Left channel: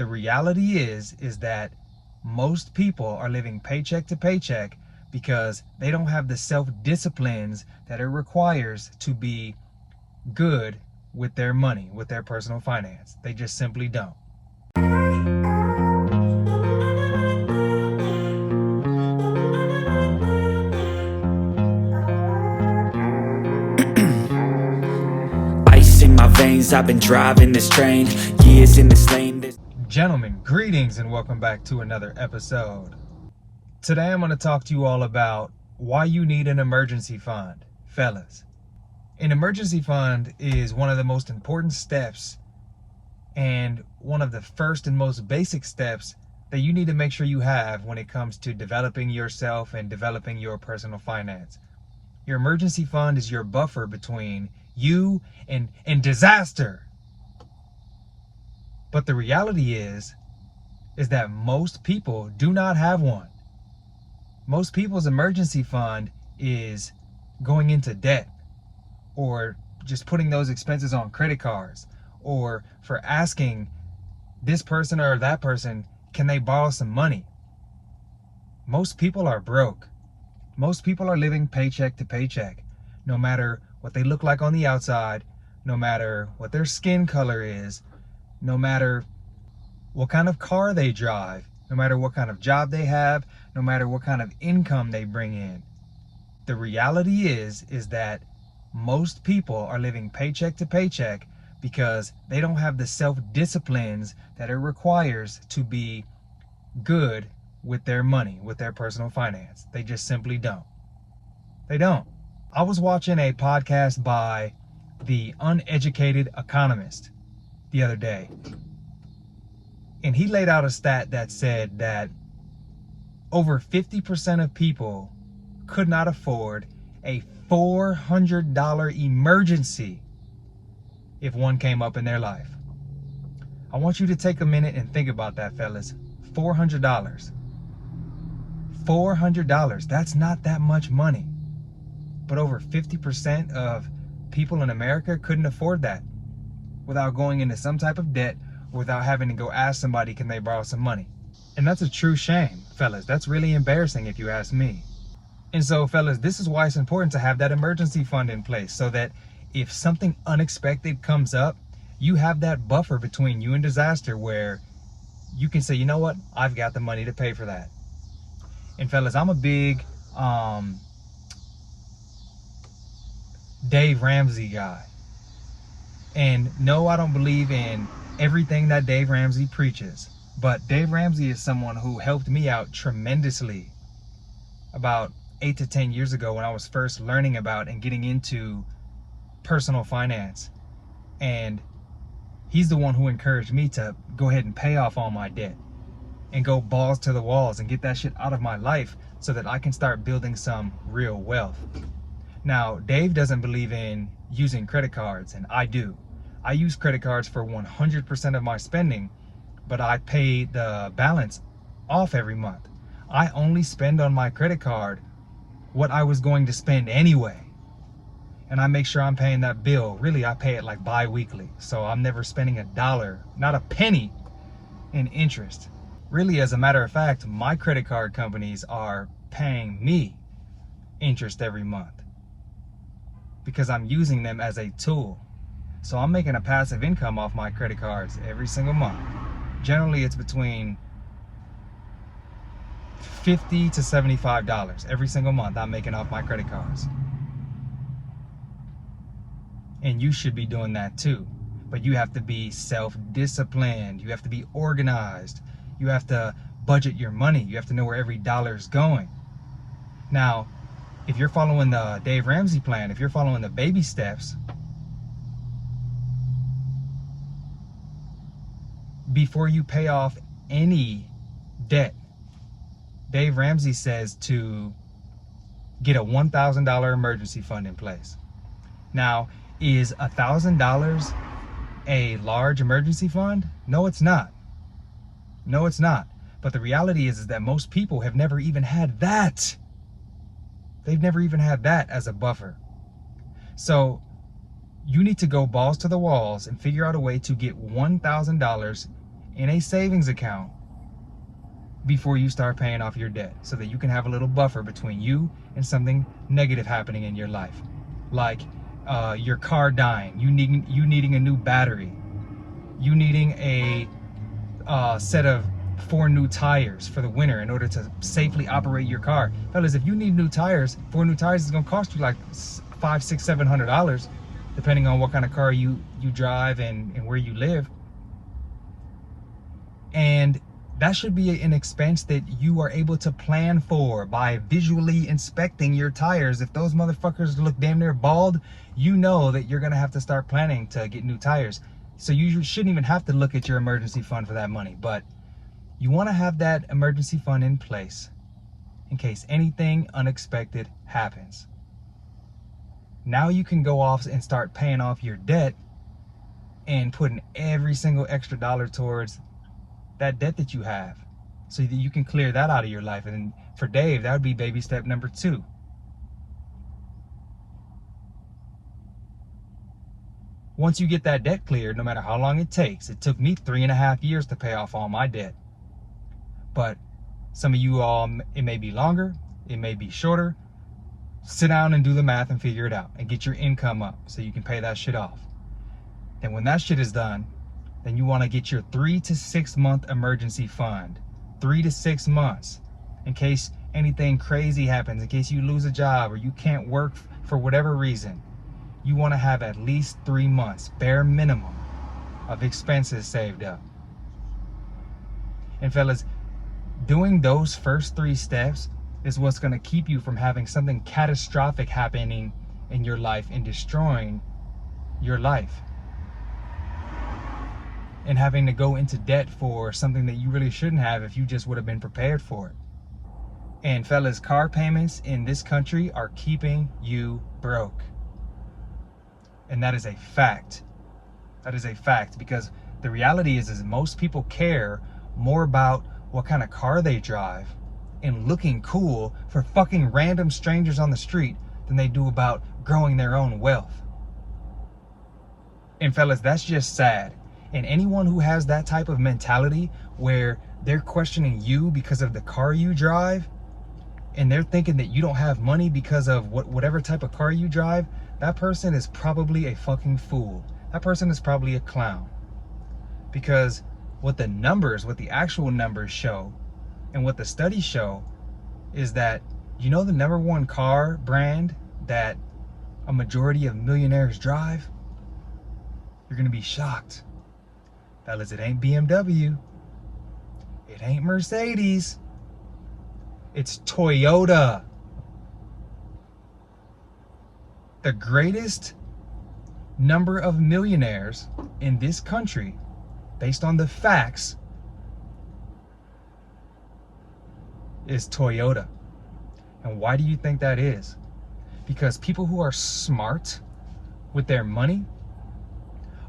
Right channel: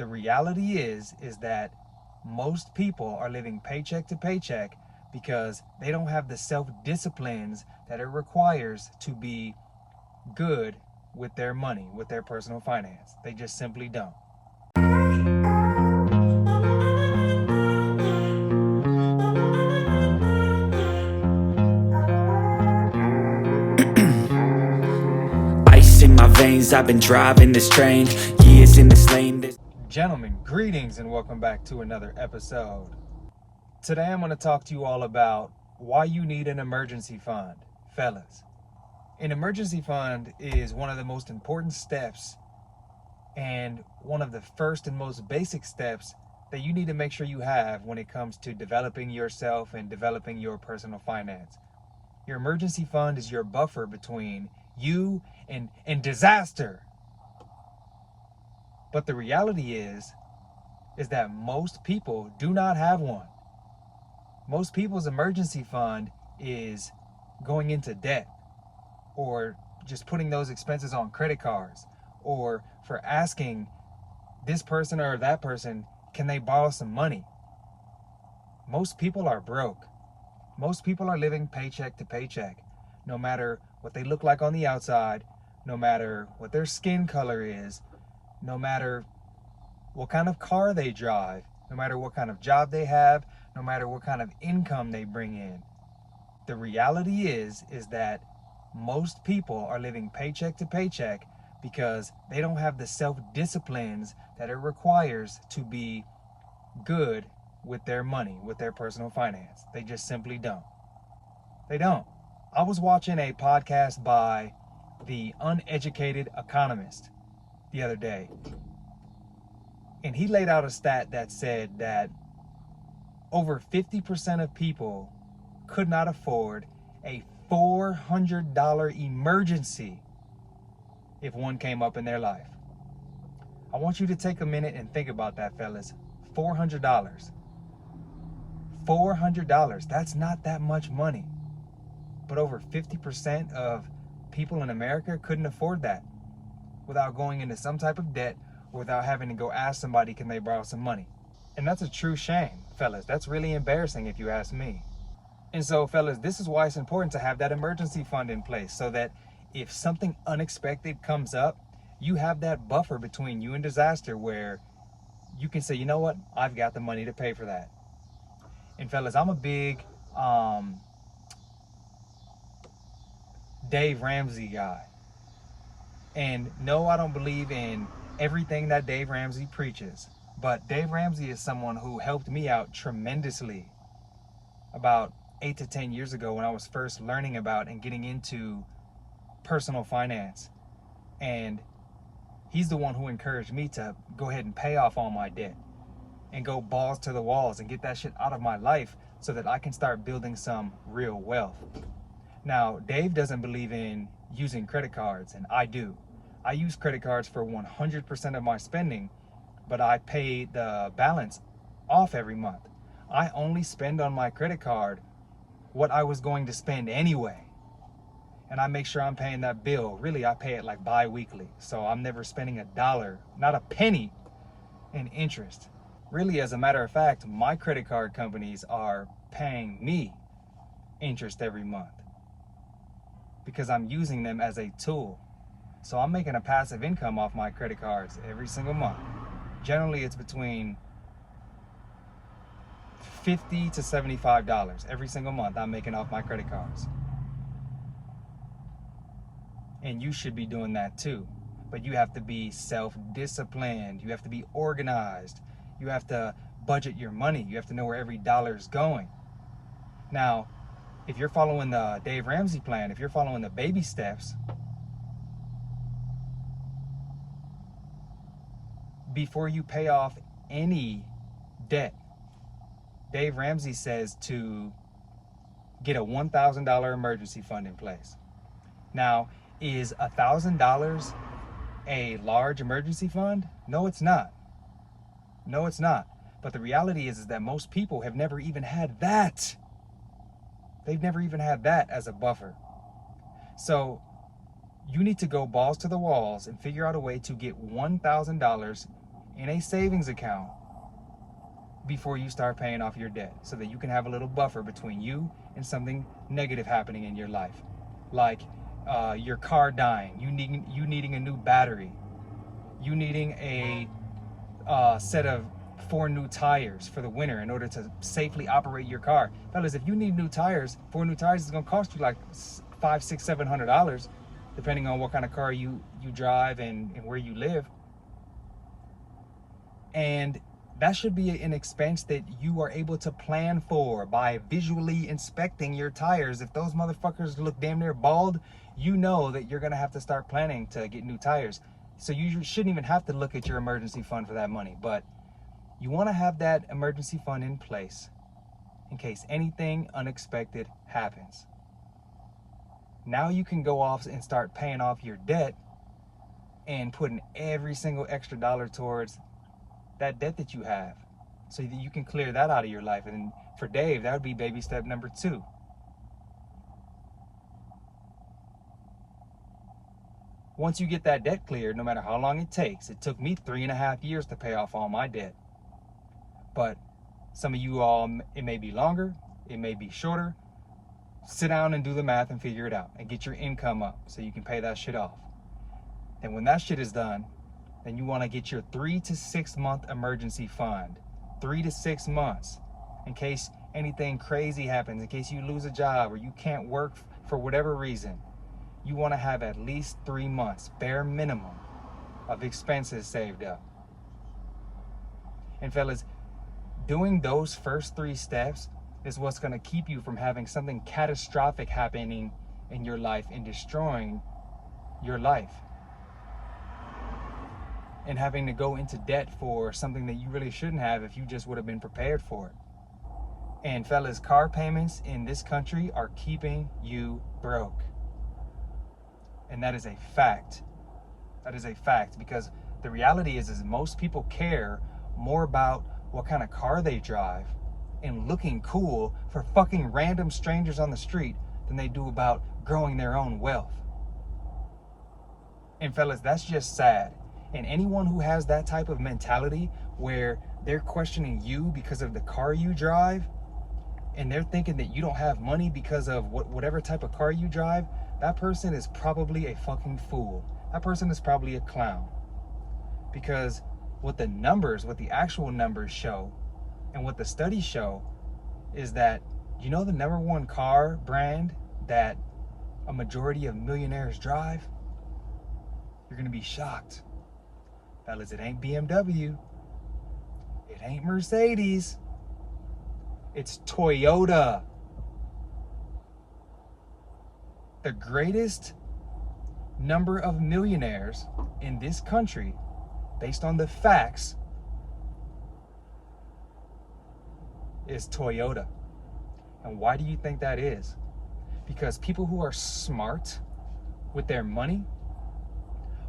The reality is that most people are living paycheck to paycheck because they don't have the self-disciplines that it requires to be good with their money, with their personal finance. They just simply don't. Ice in my veins, I've been driving this train, years in this lane. Gentlemen, greetings and welcome back to another episode. Today I'm going to talk to you all about why you need an emergency fund. Fellas, an emergency fund is one of the most important steps and one of the first and most basic steps that you need to make sure you have when it comes to developing yourself and developing your personal finance. Your emergency fund is your buffer between you and disaster. But the reality is that most people do not have one. Most people's emergency fund is going into debt, or just putting those expenses on credit cards, or for asking this person or that person, can they borrow some money? Most people are broke. Most people are living paycheck to paycheck, no matter what they look like on the outside, no matter what their skin color is, no matter what kind of car they drive, no matter what kind of job they have, no matter what kind of income they bring in. The reality is that most people are living paycheck to paycheck because they don't have the self-disciplines that it requires to be good with their money, with their personal finance. They just simply don't. They don't. I was watching a podcast by the Uneducated Economist the other day, and he laid out a stat that said that over 50% of people could not afford a $400 emergency if one came up in their life. I want you to take a minute and think about that, fellas. $400. $400. That's not that much money. But over 50% of people in America couldn't afford that without going into some type of debt, without having to go ask somebody, can they borrow some money? And that's a true shame, fellas. That's really embarrassing if you ask me. And so, fellas, this is why it's important to have that emergency fund in place, so that if something unexpected comes up, you have that buffer between you and disaster where you can say, you know what, I've got the money to pay for that. And fellas, I'm a big Dave Ramsey guy. And no, I don't believe in everything that Dave Ramsey preaches. But Dave Ramsey is someone who helped me out tremendously about 8 to 10 years ago when I was first learning about and getting into personal finance. And he's the one who encouraged me to go ahead and pay off all my debt and go balls to the walls and get that shit out of my life so that I can start building some real wealth. Now, Dave doesn't believe in using credit cards, and I do. I use credit cards for 100% of my spending, but I pay the balance off every month. I only spend on my credit card what I was going to spend anyway. And I make sure I'm paying that bill. Really, I pay it like bi-weekly. So I'm never spending a dollar, not a penny, in interest. Really, as a matter of fact, my credit card companies are paying me interest every month because I'm using them as a tool. So I'm making a passive income off my credit cards every single month. Generally, it's between $50 to $75 every single month I'm making off my credit cards. And you should be doing that too. But you have to be self-disciplined. You have to be organized. You have to budget your money. You have to know where every dollar is going. Now, if you're following the Dave Ramsey plan, if you're following the baby steps, before you pay off any debt, Dave Ramsey says to get a $1,000 emergency fund in place. Now, is $1,000 a large emergency fund? No, it's not. No, it's not. But the reality is that most people have never even had that. They've never even had that as a buffer. So you need to go balls to the walls and figure out a way to get $1,000 in a savings account before you start paying off your debt, so that you can have a little buffer between you and something negative happening in your life, like your car dying, you needing a new battery, you needing a set of 4 new tires for the winter in order to safely operate your car. Fellas, if you need new tires, 4 new tires is gonna cost you like $500, $600, $700, depending on what kind of car you drive and where you live. And that should be an expense that you are able to plan for by visually inspecting your tires. If those motherfuckers look damn near bald, you know that you're gonna have to start planning to get new tires. So you shouldn't even have to look at your emergency fund for that money, but you wanna have that emergency fund in place in case anything unexpected happens. Now you can go off and start paying off your debt and putting every single extra dollar towards that debt that you have, so that you can clear that out of your life. And for Dave, that would be baby step number 2. Once you get that debt cleared, no matter how long it takes, it took me 3.5 years to pay off all my debt. But some of you all, it may be longer, it may be shorter. Sit down and do the math and figure it out and get your income up so you can pay that shit off. And when that shit is done, then you want to get your 3 to 6 month emergency fund. 3 to 6 months, in case anything crazy happens, in case you lose a job or you can't work for whatever reason. You want to have at least 3 months, bare minimum, of expenses saved up. And fellas, doing those first 3 steps is what's going to keep you from having something catastrophic happening in your life and destroying your life, and having to go into debt for something that you really shouldn't have if you just would have been prepared for it. And fellas, car payments in this country are keeping you broke. And that is a fact. That is a fact, because the reality is most people care more about what kind of car they drive and looking cool for fucking random strangers on the street than they do about growing their own wealth. And fellas, that's just sad. And anyone who has that type of mentality where they're questioning you because of the car you drive, and they're thinking that you don't have money because of whatever type of car you drive, that person is probably a fucking fool. That person is probably a clown. Because what the actual numbers show, and what the studies show, is that, you know, the number 1 car brand that a majority of millionaires drive? You're gonna be shocked. Fellas, it ain't BMW. It ain't Mercedes. It's Toyota. The greatest number of millionaires in this country, based on the facts, is Toyota. And why do you think that is? Because people who are smart with their money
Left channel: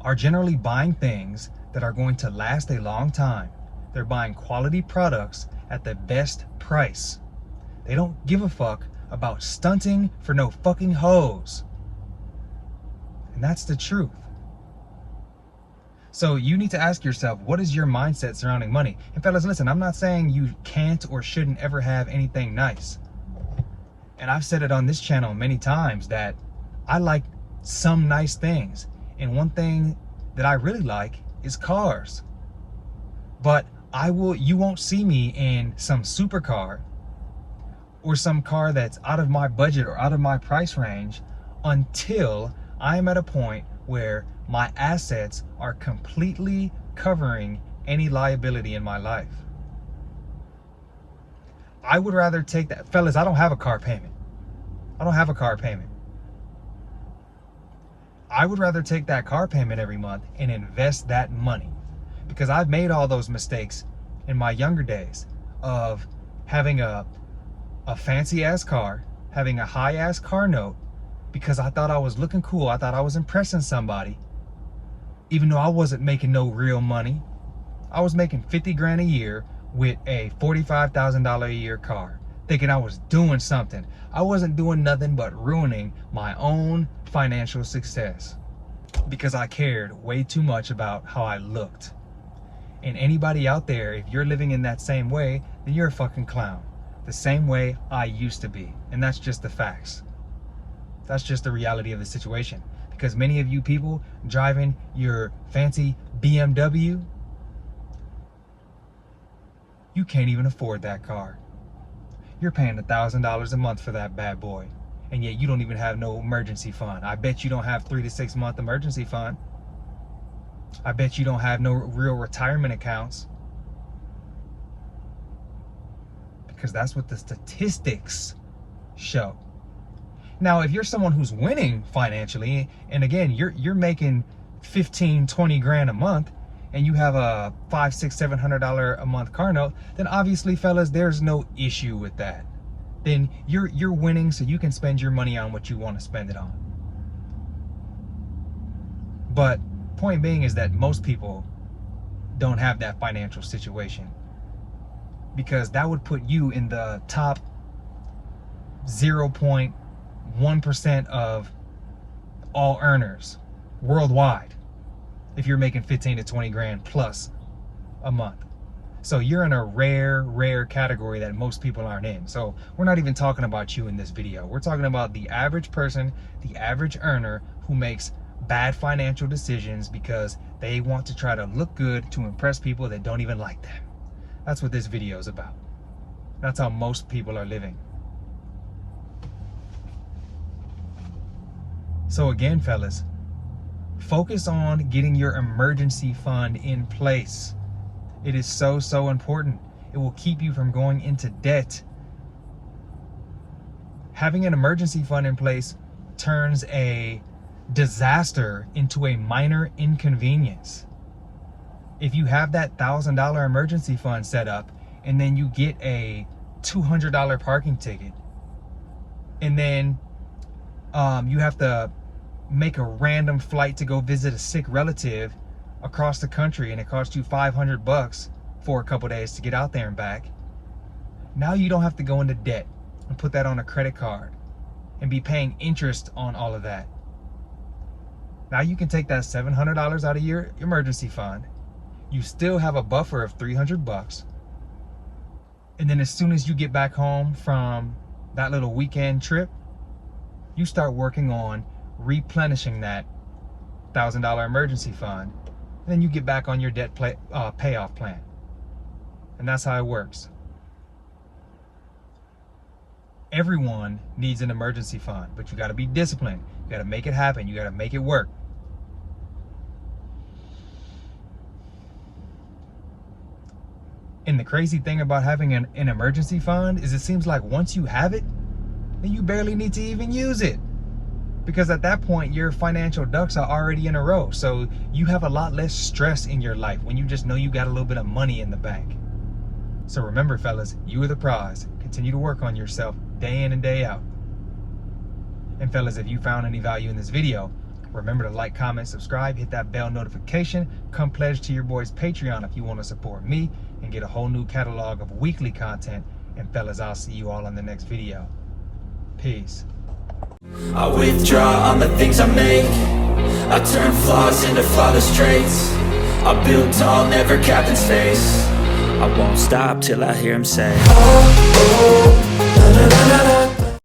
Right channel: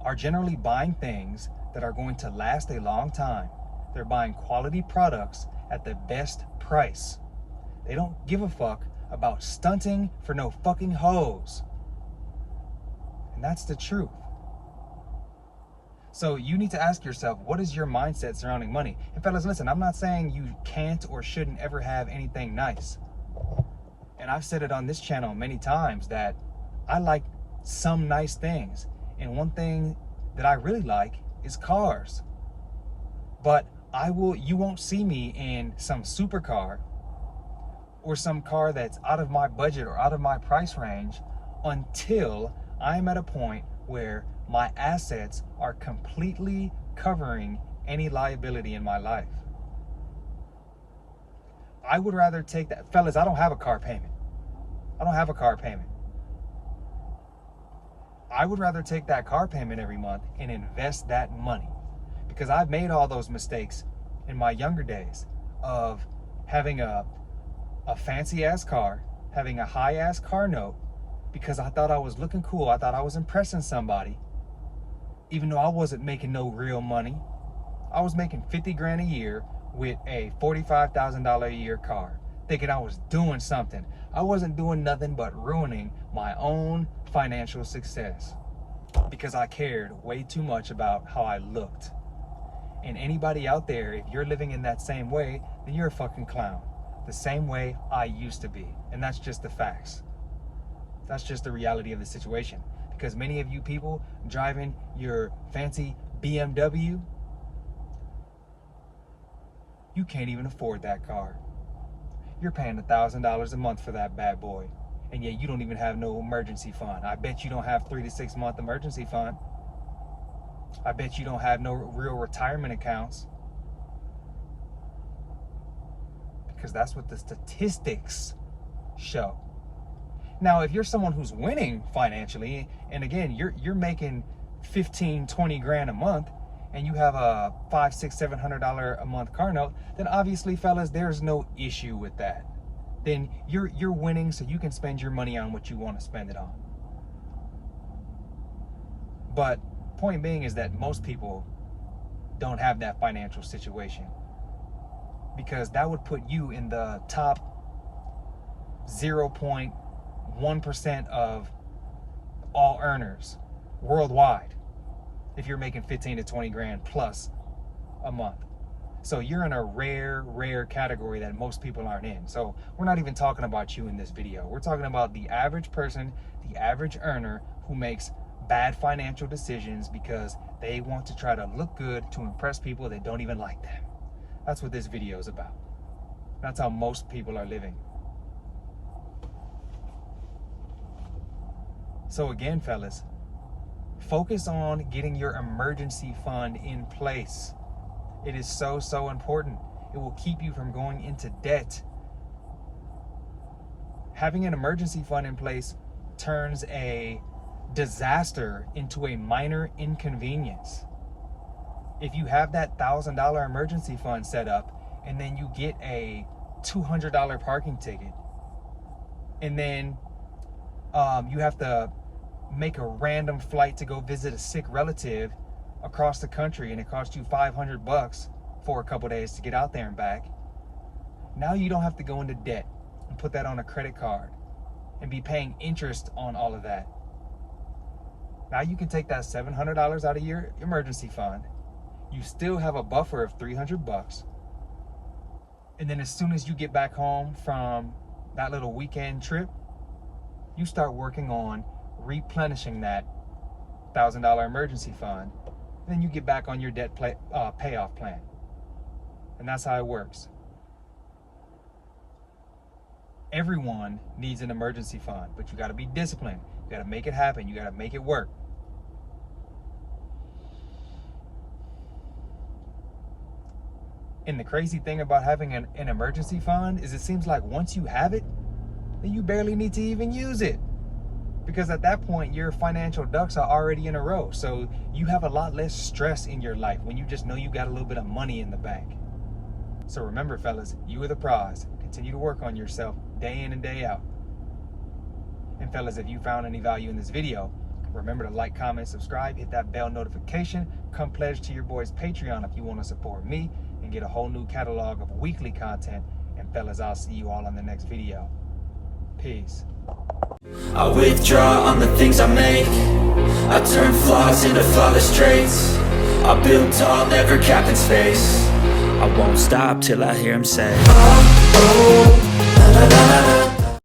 are generally buying things that are going to last a long time. They're buying quality products at the best price. They don't give a fuck about stunting for no fucking hoes. And that's the truth. So you need to ask yourself, what is your mindset surrounding money? And fellas, listen, I'm not saying you can't or shouldn't ever have anything nice. And I've said it on this channel many times that I like some nice things. And one thing that I really like is cars. But you won't see me in some supercar or some car that's out of my budget or out of my price range until I'm at a point where my assets are completely covering any liability in my life. I would rather take that. Fellas, I don't have a car payment. I don't have a car payment. I would rather take that car payment every month and invest that money, because I've made all those mistakes in my younger days of having a fancy ass car, having a high ass car note, because I thought I was looking cool. I thought I was impressing somebody, even though I wasn't making no real money. I was making 50 grand a year with a $45,000 a year car, thinking I was doing something. I wasn't doing nothing but ruining my own financial success because I cared way too much about how I looked. And anybody out there, if you're living in that same way, then you're a fucking clown. The same way I used to be. And that's just the facts. That's just the reality of the situation. Because many of you people driving your fancy BMW, you can't even afford that car. You're paying $1,000 a month for that bad boy. And yet you don't even have no emergency fund. I bet you don't have 3 to 6 month emergency fund. I bet you don't have no real retirement accounts. Because that's what the statistics show. Now, if you're someone who's winning financially, and again, you're making 15, 20 grand a month, and you have a $500, $600, $700 a month car note, then obviously, fellas, there's no issue with that. Then you're winning, so you can spend your money on what you want to spend it on. But point being is that most people don't have that financial situation, because that would put you in the top 0.1% of all earners worldwide if you're making 15 to 20 grand plus a month. So you're in a rare category that most people aren't in. So we're not even talking about you in this video. We're talking about the average person, the average earner who makes bad financial decisions because they want to try to look good to impress people that don't even like them. That's what this video is about. That's how most people are living. So again, fellas, focus on getting your emergency fund in place. It is so important. It will keep you from going into debt. Having an emergency fund in place turns a disaster into a minor inconvenience. If you have that $1,000 emergency fund set up, and then you get a $200 parking ticket, and then you have to make a random flight to go visit a sick relative across the country, and it costs you $500 for a couple days to get out there and back. Now you don't have to go into debt and put that on a credit card and be paying interest on all of that. Now you can take that $700 out of your emergency fund. You still have a buffer of $300. And then as soon as you get back home from that little weekend trip, you start working on replenishing that $1,000 emergency fund. And then you get back on your debt payoff plan. And that's how it works. Everyone needs an emergency fund, but you got to be disciplined. You got to make it happen. You got to make it work. And the crazy thing about having an emergency fund is it seems like once you have it, then you barely need to even use it. Because at that point, your financial ducks are already in a row. So you have a lot less stress in your life when you just know you got a little bit of money in the bank. So remember, fellas, you are the prize. Continue to work on yourself day in and day out. And fellas, if you found any value in this video, remember to like, comment, subscribe, hit that bell notification. Come pledge to your boy's Patreon if you want to support me and get a whole new catalog of weekly content. And fellas, I'll see you all on the next video. Peace. I withdraw on the things I make. I turn flaws into flawless traits. I build tall, never capped in space. I won't stop till I hear him say, oh, oh, la, la, la, la.